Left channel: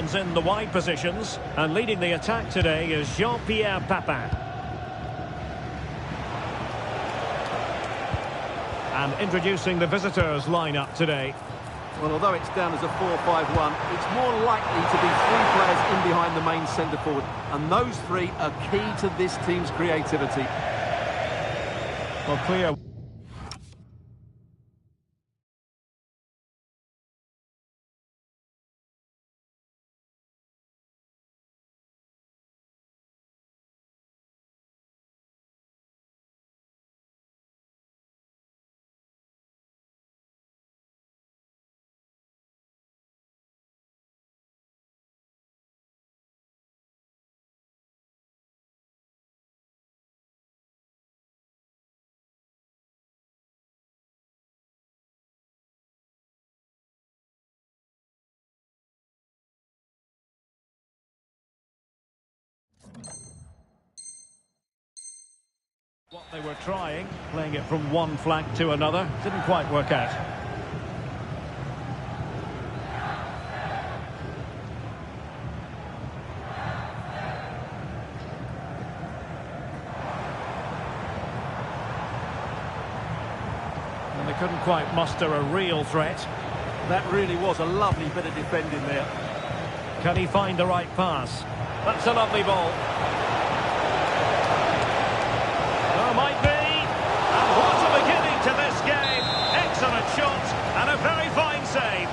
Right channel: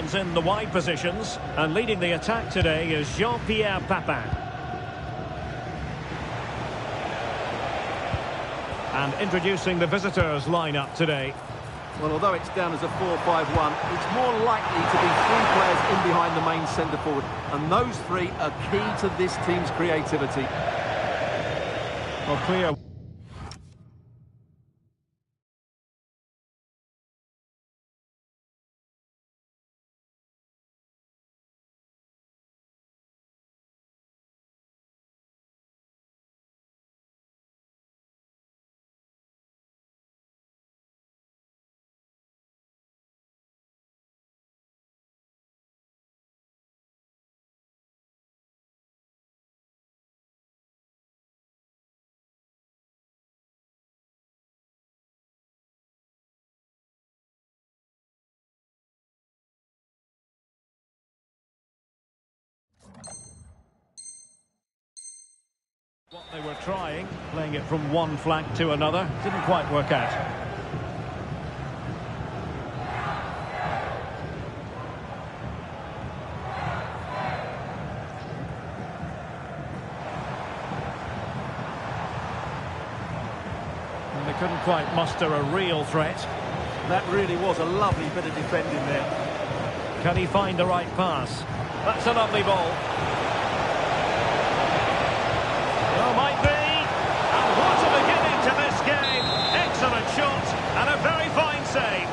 runs in the wide positions, and leading the attack today is Jean-Pierre Papin. And introducing the visitors lineup today. Well, although it's down as a 4-5-1, it's more likely to be three players in behind the main centre forward. And those three are key to this team's creativity. Well, clear. What they were trying, playing it from one flank to another, didn't quite work out. And they couldn't quite muster a real threat. That really was a lovely bit of defending there. Can he find the right pass? That's a lovely ball. Oh, might be. And what a beginning to this game. Excellent shot and a very fine save.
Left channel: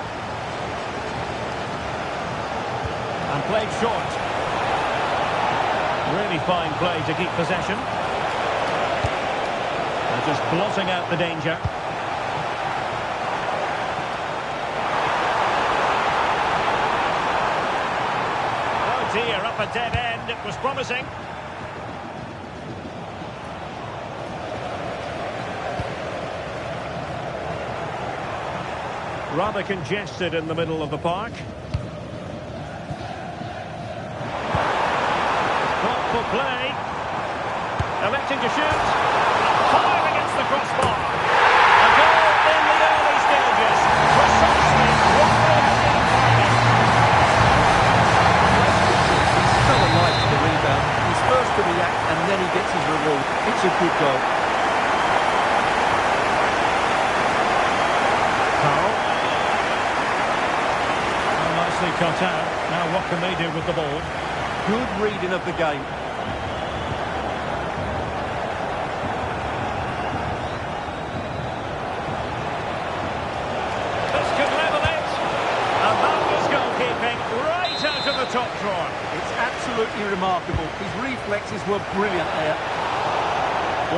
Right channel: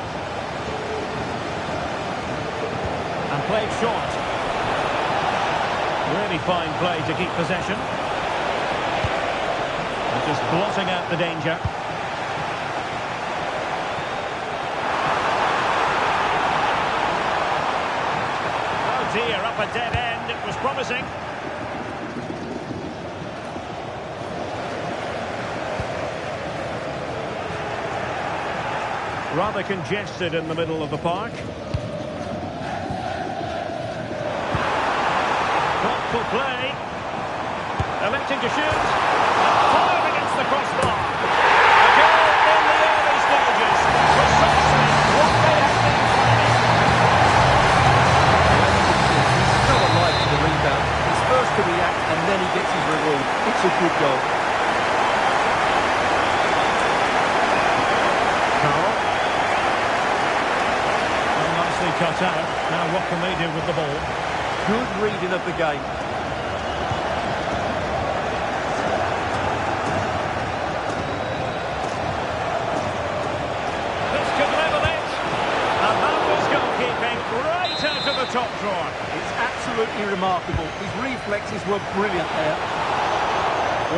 And played short. Really fine play to keep possession. And just blotting out the danger. Oh dear, up a dead end. It was promising. Rather congested in the middle of the park. Thoughtful play. Electing to shoot. Fired against the crossbar. A goal in the early stages. Precisely what they have been planning. He's so alive to the rebound. He's first to react and then he gets his reward. It's a good goal. Carl. Nicely cut out. Now what can they do with the ball? Good reading of the game. This could level it. And that was goalkeeping right out of the top drawer. It's absolutely remarkable. His reflexes were brilliant there.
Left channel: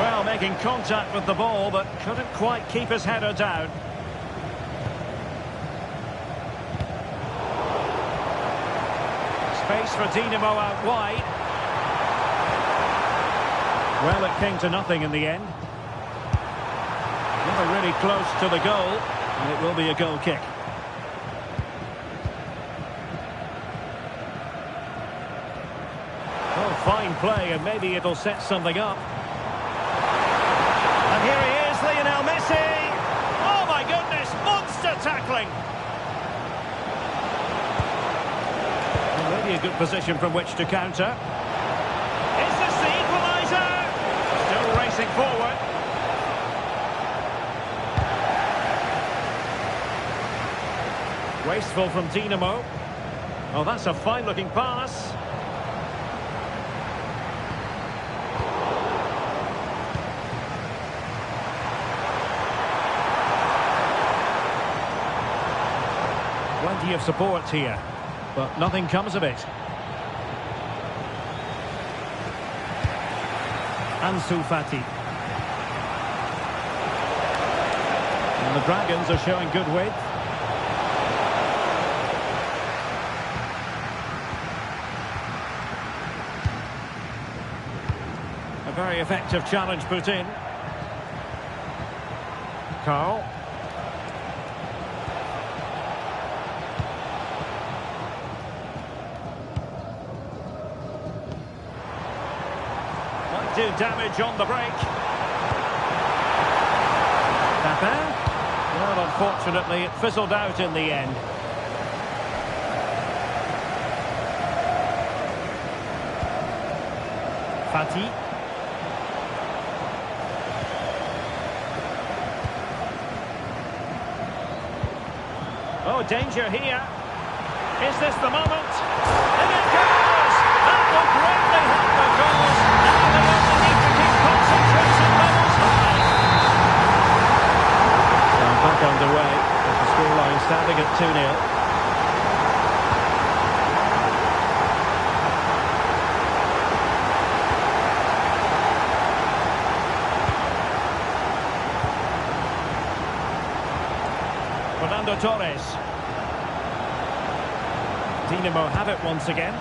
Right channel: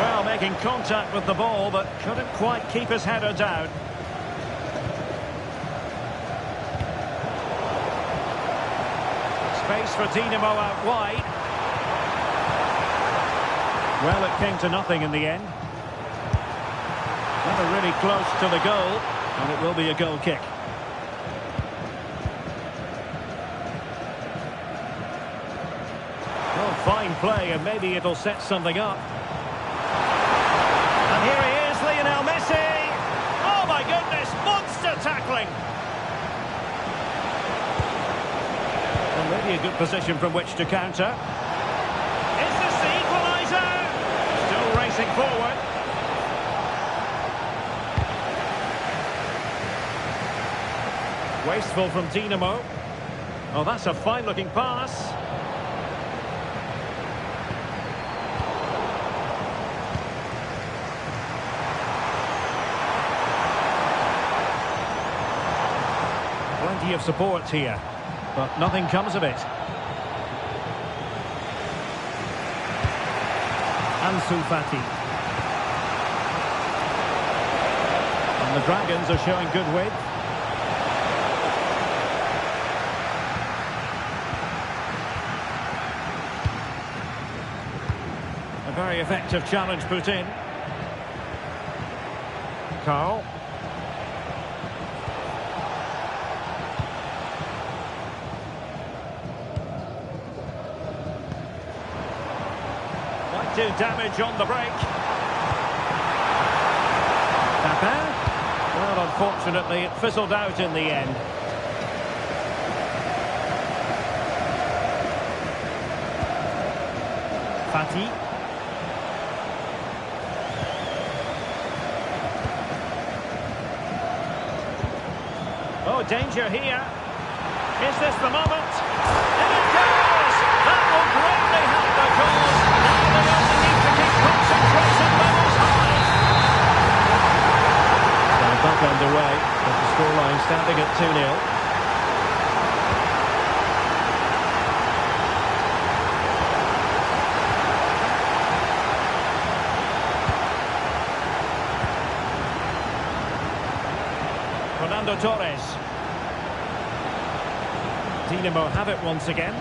Well, making contact with the ball, but couldn't quite keep his header down. Space for Dinamo out wide. Well, it came to nothing in the end. Never really close to the goal, and it will be a goal kick. Oh, fine play, and maybe it'll set something up. And here he is, Lionel Messi. Oh, my goodness, monster tackling. Maybe a good position from which to counter. Is this the equaliser? Still racing forward. Wasteful from Dinamo. Oh, that's a fine-looking pass. Plenty of support here. But nothing comes of it. Ansu Fati. And the Dragons are showing good width. A very effective challenge put in. Carl. Might do damage on the break. Papin. Well, unfortunately, it fizzled out in the end. Fati. Oh, danger here. Is this the moment? In it goes! That will greatly help the cause. Now they only need to keep concentration levels high. So back underway, with the scoreline standing at 2-0. Fernando Torres. Dinamo have it once again.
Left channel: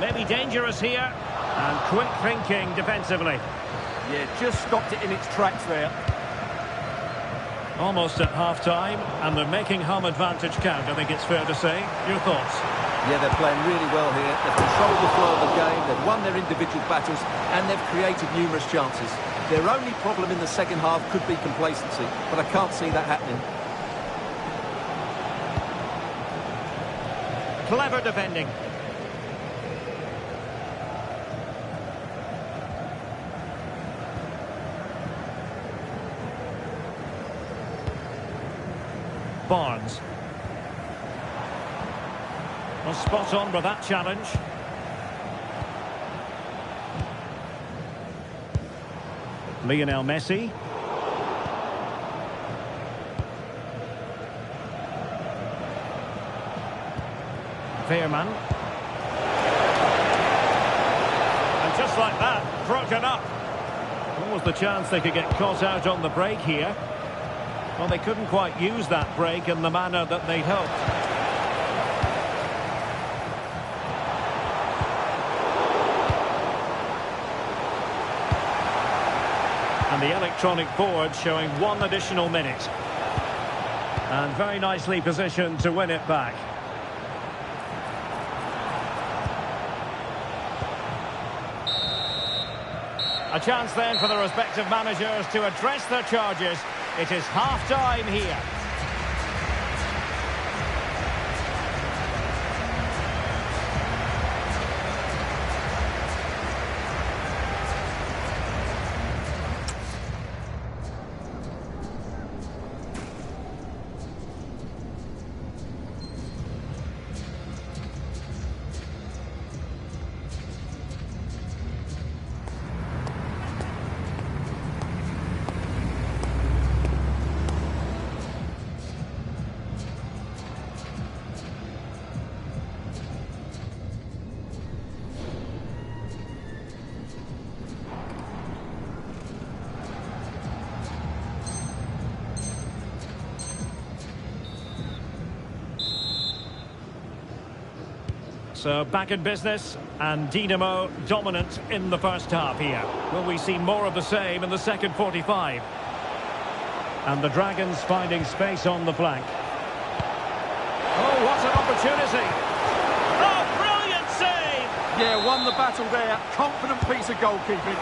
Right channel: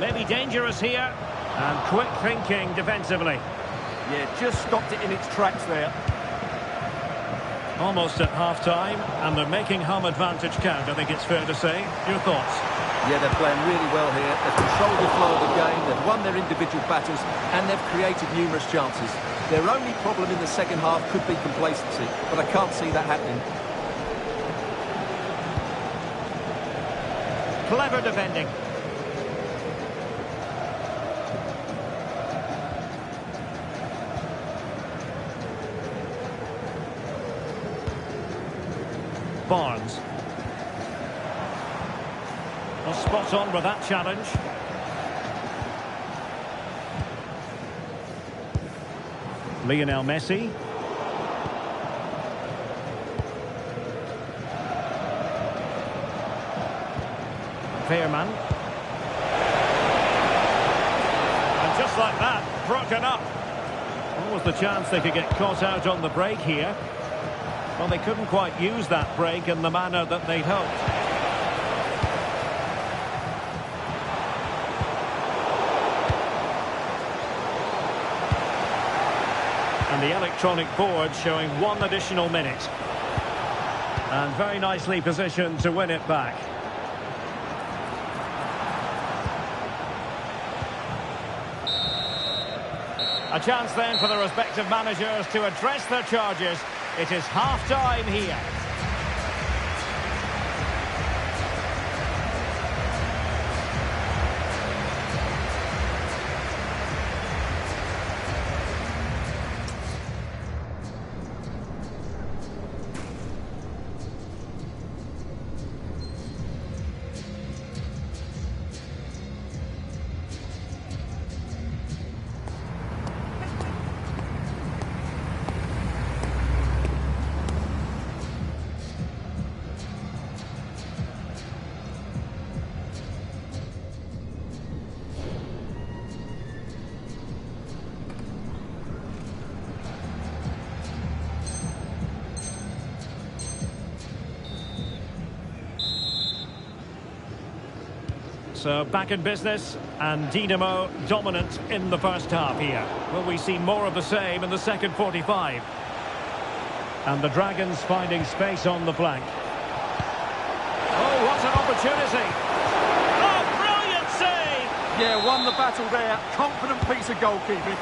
Maybe dangerous here. And quick thinking defensively. Yeah, just stopped it in its tracks there. Almost at half-time, and they're making home advantage count, I think it's fair to say. Your thoughts? Yeah, they're playing really well here. They've controlled the flow of the game, they've won their individual battles, and they've created numerous chances. Their only problem in the second half could be complacency, but I can't see that happening. Clever defending. Barnes. Well, spot on with that challenge. Lionel Messi. Veerman. And just like that, broken up. What was the chance they could get caught out on the break here? Well, they couldn't quite use that break in the manner that they'd hoped. And the electronic board showing 1 additional minute. And very nicely positioned to win it back. A chance then for the respective managers to address their charges. It is half-time here. So back in business, and Dinamo dominant in the first half here. Will we see more of the same in the second 45? And the Dragons finding space on the flank. Oh, what an opportunity! Oh, brilliant save! Yeah, won the battle there. Confident piece of goalkeeping.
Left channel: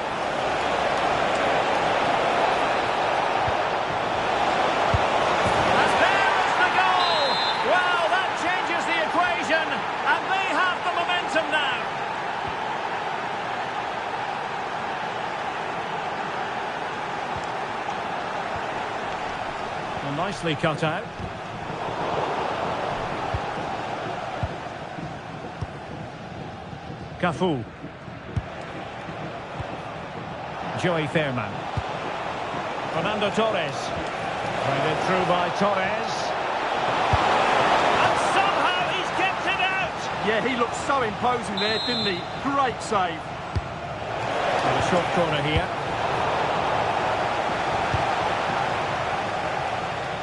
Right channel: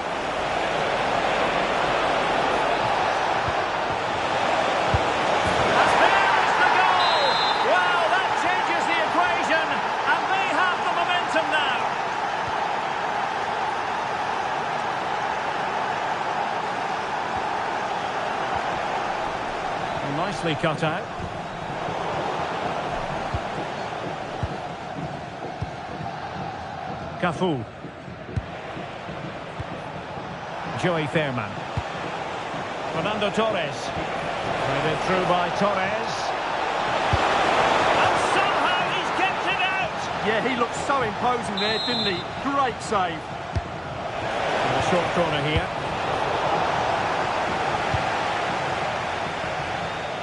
Now. Well, nicely cut out. Cafu. Joey Veerman. Fernando Torres. Played it through by Torres. Yeah, he looked so imposing there, didn't he? Great save. And a short corner here.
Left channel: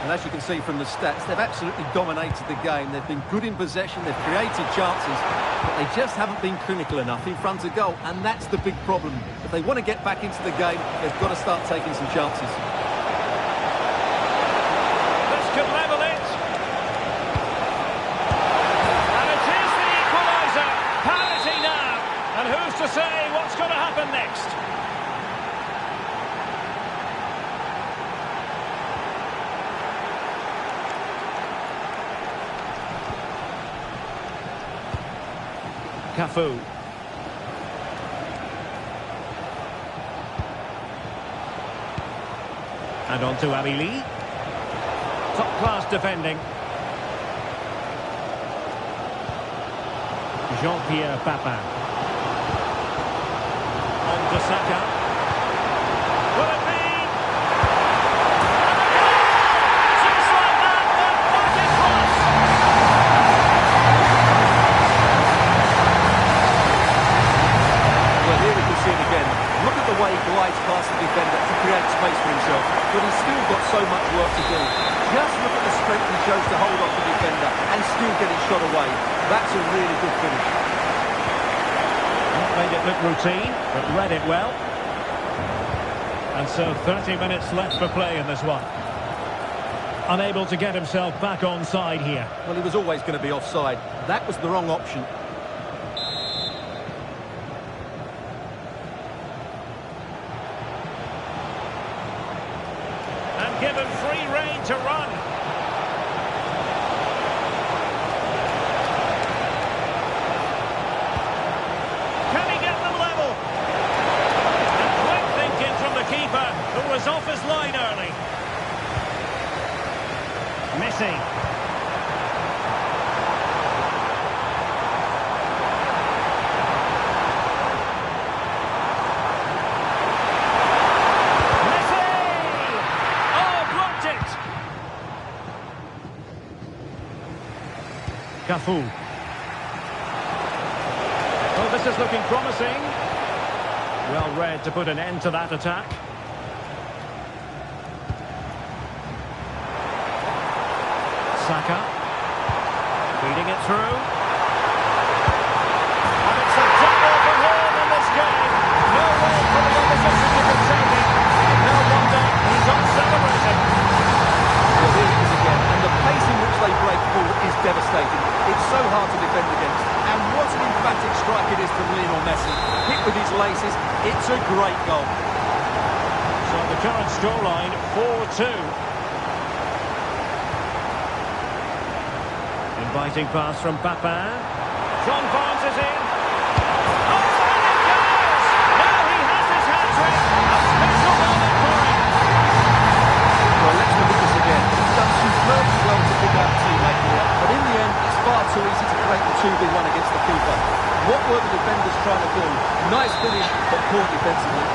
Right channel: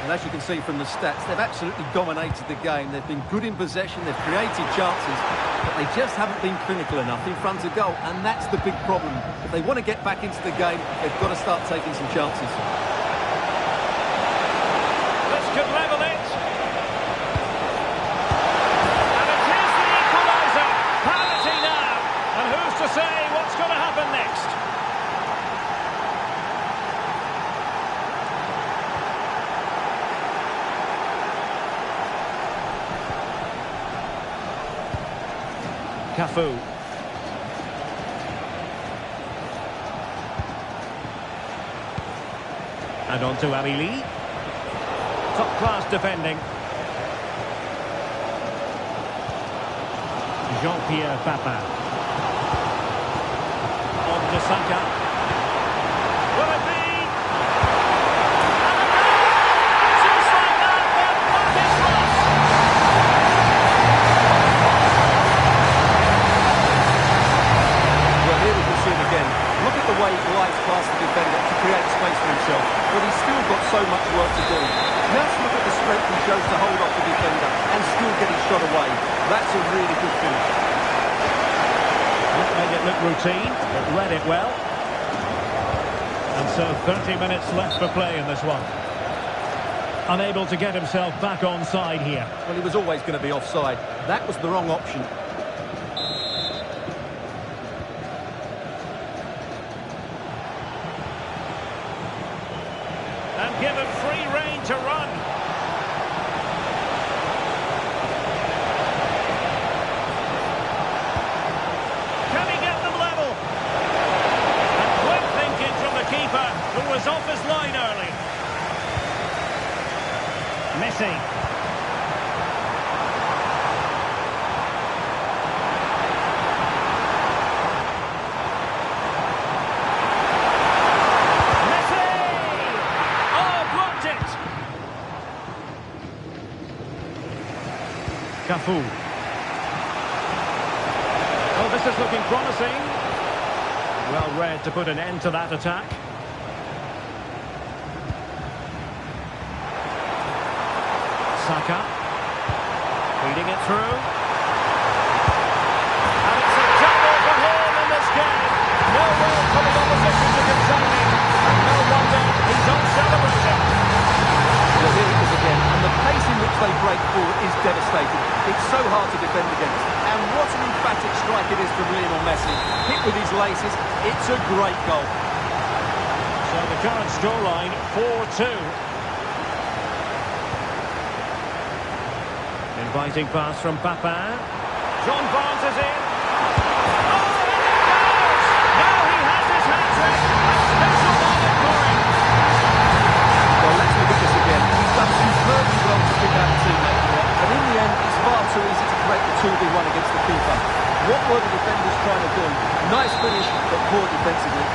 And as you can see from the stats, they've absolutely dominated the game. They've been good in possession, they've created chances, but they just haven't been clinical enough in front of goal, and that's the big problem. If they want to get back into the game, they've got to start taking some chances. This could level it. And who's to say what's going to happen next? Cafu. And on to Amili. Top-class defending. Jean-Pierre Papin. On to Saka. Will it be? And a goal! Just like that, the back is crossed. Well, here we can see it again. Look at the way he glides past the defender to create space for himself, but he's still got so much work to do. Just look at the strength he shows to hold off the defender and still get his shot away. That's a really good finish. Not made it look routine, but read it well. And so 30 minutes left for play in this one. Unable to get himself back on side here. Well, he was always going to be offside. That was the wrong option. And given free rein to run. Can he get them level? And quick thinking from the keeper, who was off his line early. Messi. Cafu. Oh, this is looking promising. Well read to put an end to that attack. Saka. Feeding it through. And it's a double for him in this game. No way for the opposition to contain him. And no wonder he's on celebrating. Well, here it is again, and the pace in which they break forward is devastating. It's so hard to defend against. And what an emphatic strike it is from Lionel Messi. Hit with his laces, it's a great goal. So the current scoreline, 4-2. Inviting pass from Papin. John Barnes is in. Oh, and he goes! Now he has his hat-trick. A special moment for him. Well, let's look at this again. He's done superbly well to pick out a teammate here, but in the end, it's far too easy to create the 2v1 against the keeper. What were the defenders trying to do? Nice finish, but poor defensively.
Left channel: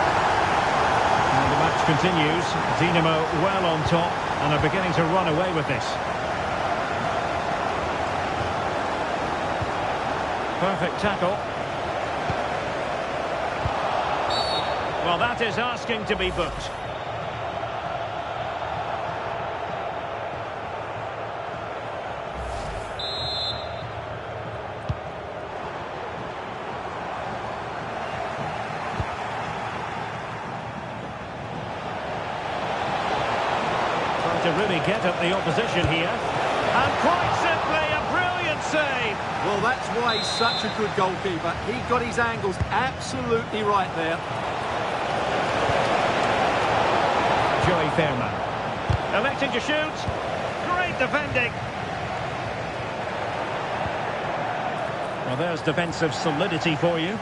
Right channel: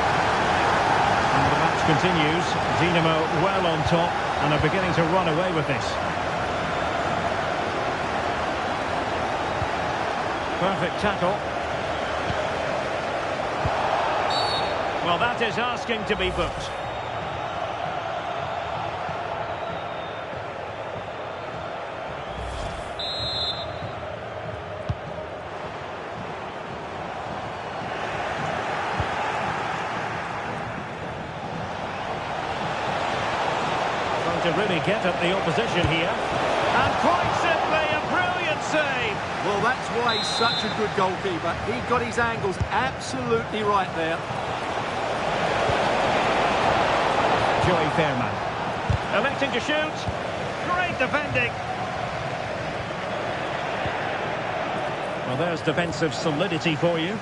And the match continues. Dinamo well on top and are beginning to run away with this. Perfect tackle. Well, that is asking to be booked. To really get at the opposition here. And quite simply, a brilliant save. Well, that's why he's such a good goalkeeper. He got his angles absolutely right there. Joey Fairman. Electing to shoot. Great defending. Well, there's defensive solidity for you.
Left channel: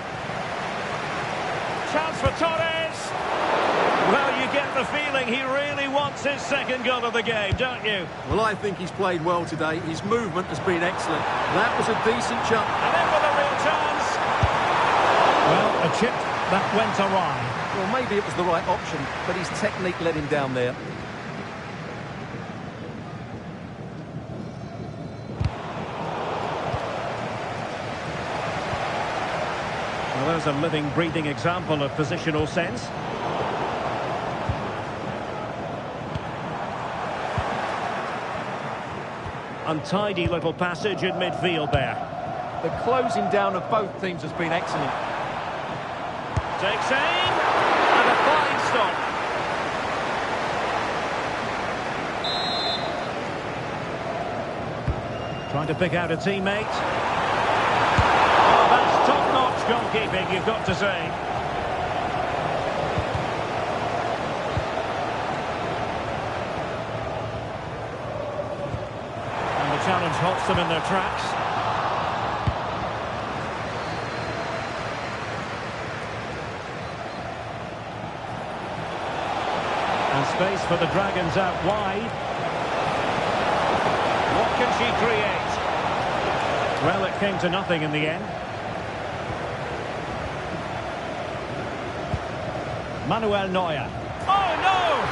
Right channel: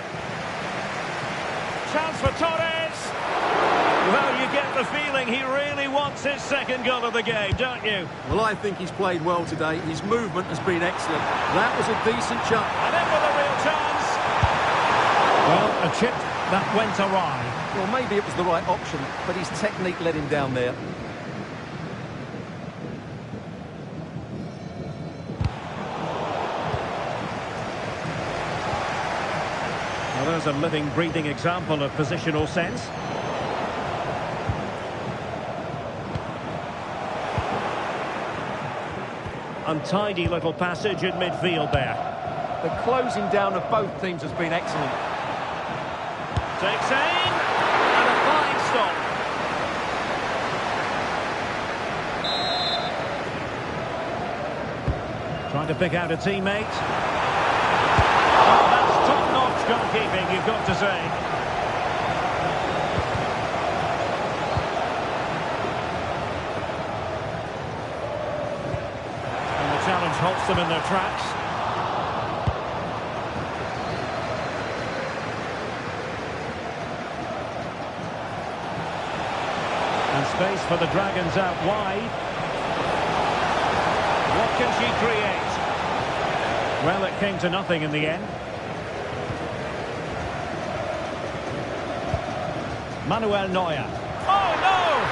Chance for Torres. Well, you get the feeling he really wants his second goal of the game, don't you? Well, I think he's played well today. His movement has been excellent. That was a decent jump. And in with a real chance. Well, a chip that went awry. Well, maybe it was the right option, but his technique let him down there. Well, there's a living, breathing example of positional sense. Untidy little passage in midfield there. The closing down of both teams has been excellent. Takes aim, and a fine stop. Trying to pick out a teammate. Oh, that's top-notch goalkeeping, you've got to say. Challenge halts them in their tracks. And space for the Dragons out wide. What can she create? Well, it came to nothing in the end. Manuel Neuer. Oh, no!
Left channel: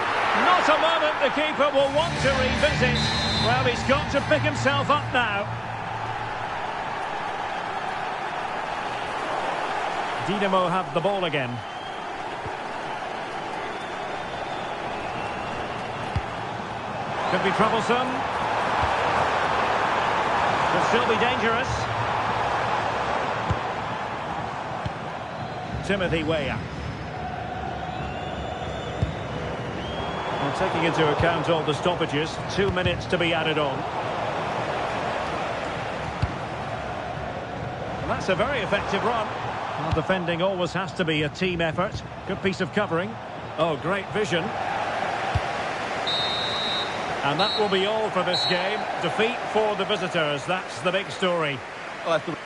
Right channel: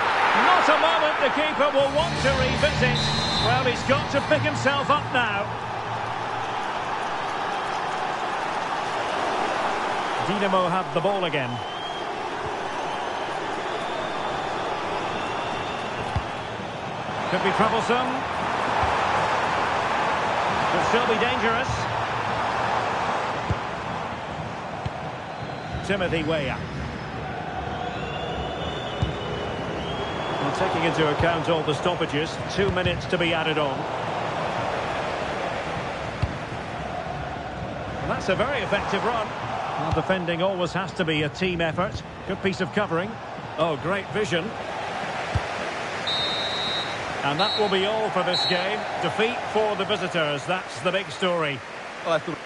Not a moment the keeper will want to revisit. Well, he's got to pick himself up now. Dinamo have the ball again. Could be troublesome. Could still be dangerous. Timothy Weah. Well, taking into account all the stoppages, 2 minutes to be added on. And that's a very effective run. Well, defending always has to be a team effort. Good piece of covering. Oh, great vision. And that will be all for this game. Defeat for the visitors. That's the big story. I thought